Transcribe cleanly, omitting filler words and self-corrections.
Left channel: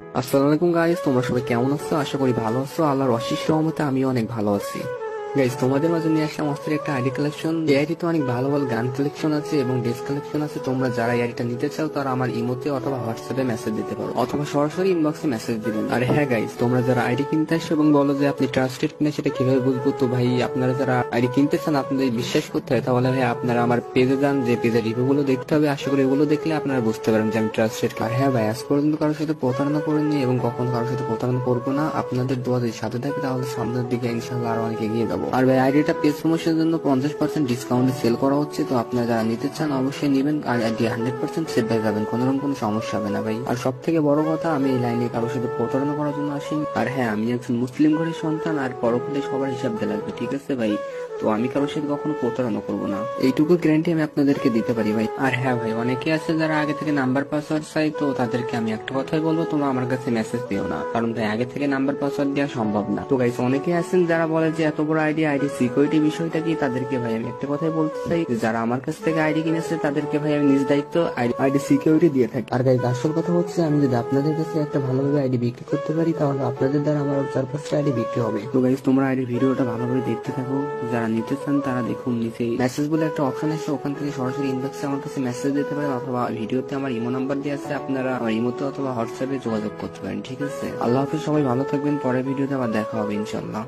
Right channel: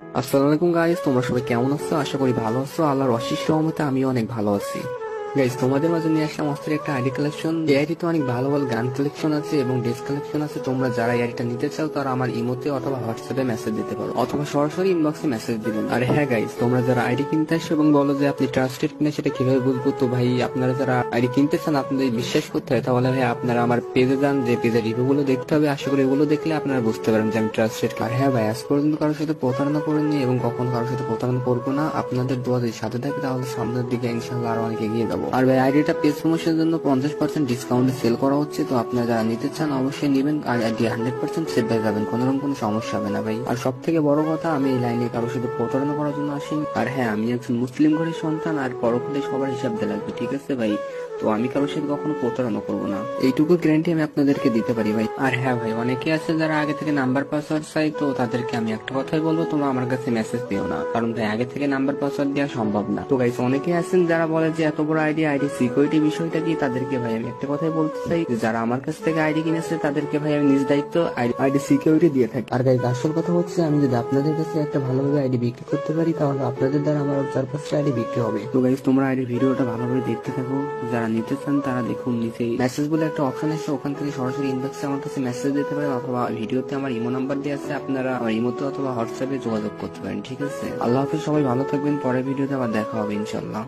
আসসালামু আলাইকুম গাইস, তোমরা সবাই কেমন আছো? আশা করি ভালো আছো। আল্লাহর অশেষ রহমতে আমিও অনেক ভালো আছি। গাইস, তোমাদের মাঝে নিয়ে আসলাম অস্থির একটা আইডি কালেকশন। এই আইডিতে অনেক ভালো ভালো গান কালেকশন আছে এবং ড্রেস কালেকশন আছে। তোমরা যারা এই আইডিটা নিতে চাও তারা আমার ইমোতে অথবা হোয়াটসঅ্যাপে মেসেজ দিতে পারো অথবা সরাসরি ইনবক্সে মেসেজ দিবেন। আর হ্যাঁ গাইস, তোমরা যারা আইডি কিনতে আসো এবং বলো যে আপনি ট্রাস্টেড কিনা সেটা কিভাবে বুঝবো? তো ভাই, আপনারা যারা আইডি কিনতে চান আপনাদের বিশ্বাস করতে হয়, তাহলে ভাই আপনারা আমার পেজে যান, যে পেজের রিভিউ গুলো দেখতে হবে। আশা করি এগুলো দেখলে আপনারা বুঝতে পারেন যে আমি ট্রাস্টেড। আর হ্যাঁ ভাই, আজ পর্যন্ত কারোর সাথে প্রতারণা করিনি এবং কখনো কারোর সাথে প্রতারণা করবো না। আপনাদের দোয়া যদি সাথে থাকে তাহলে সামনের দিকে ইনশাআল্লাহ আরো অনেক এগিয়ে যাবো। আর ভাই, আইডিটা পেজ প্রমোশনের জন্য 50% ডিসকাউন্টে সেল করা হচ্ছে। তো আপনারা যারা নিতে চান অবশ্যই নিবেন। আর আইডি 100% সেভ হয়ে যাবেন, কোনোরকম কোনো সমস্যা হবে না ভাই। আর সব থেকে বড় কথা, আমি এই লাইনে কারোর সাথে প্রতারণা করার জন্য আসিনি। আর হ্যাঁ, আমি একজন মুসলিম ঘরের সন্তান, আর পরকালে সবার হিসাব দিয়ে লাগবে, ঠিক আছে ভাই? তো আমি কারোর সাথে কখনো প্রতারণা করবো না, এইটুকু গ্যারান্টি আমি আপনাদেরকে দিতে পারি ভাই। আর হ্যাঁ ভাই, অনেকে আছে যারা আগে থেকে নাম্বার পাসওয়ার্ড চাই, তো তাদেরকে আমি একটা কথাই বলবো, তোমরা আমার কাছে মেসেজ দিও না, কারণ ভাই আগে থেকে নাম্বার পাসওয়ার্ড দেওয়া সম্ভব না। তো গাইস, অনেকে আছেন যারা বলে যে এত বড় আইডি সিকিউরিটি বিষয়টা কি, তাদেরকে ভাই আমি একটা কথাই বলতে চাই, যে যারা আমার কাছ থেকে আইডি কিনেছে তাদেরকে ভাই আমি নিজ দায়িত্ব আইডি সিকিউরিটি দিয়ে থাকি। আর গাইস, আসল কথা হচ্ছে, আমি যদি আপনাদের কাছে একটা ভালোভাবে আইডি বিক্রি করতে পারি তাহলে আপনাদের দ্বারা আমার 4-5টা আইডি বিক্রি হবে। তো গাইস, তোমরা আইডির ভিডিওটা ভালোভাবে দেখতে থাকো। যারা নিতে চান তারা দেখুন, নিচে মেসেজ বলে একটা অপশন আছে, ওখান থেকে সরাসরি ইনবক্সে আমার কাছে মেসেজ দিতে পারেন অথবা ভিডিওতে আমার ইমো নাম্বার দেওয়া আছে, আপনারা আমার ইমোতে অথবা হোয়াটসঅ্যাপে যোগাযোগ করতে পারেন, ঠিক আছে? আল্লাহ হাফেজ, সবাই ভালো থাকবেন। পরের ভিডিওতে আবার দেখা হবে ইনশাল্লাহ।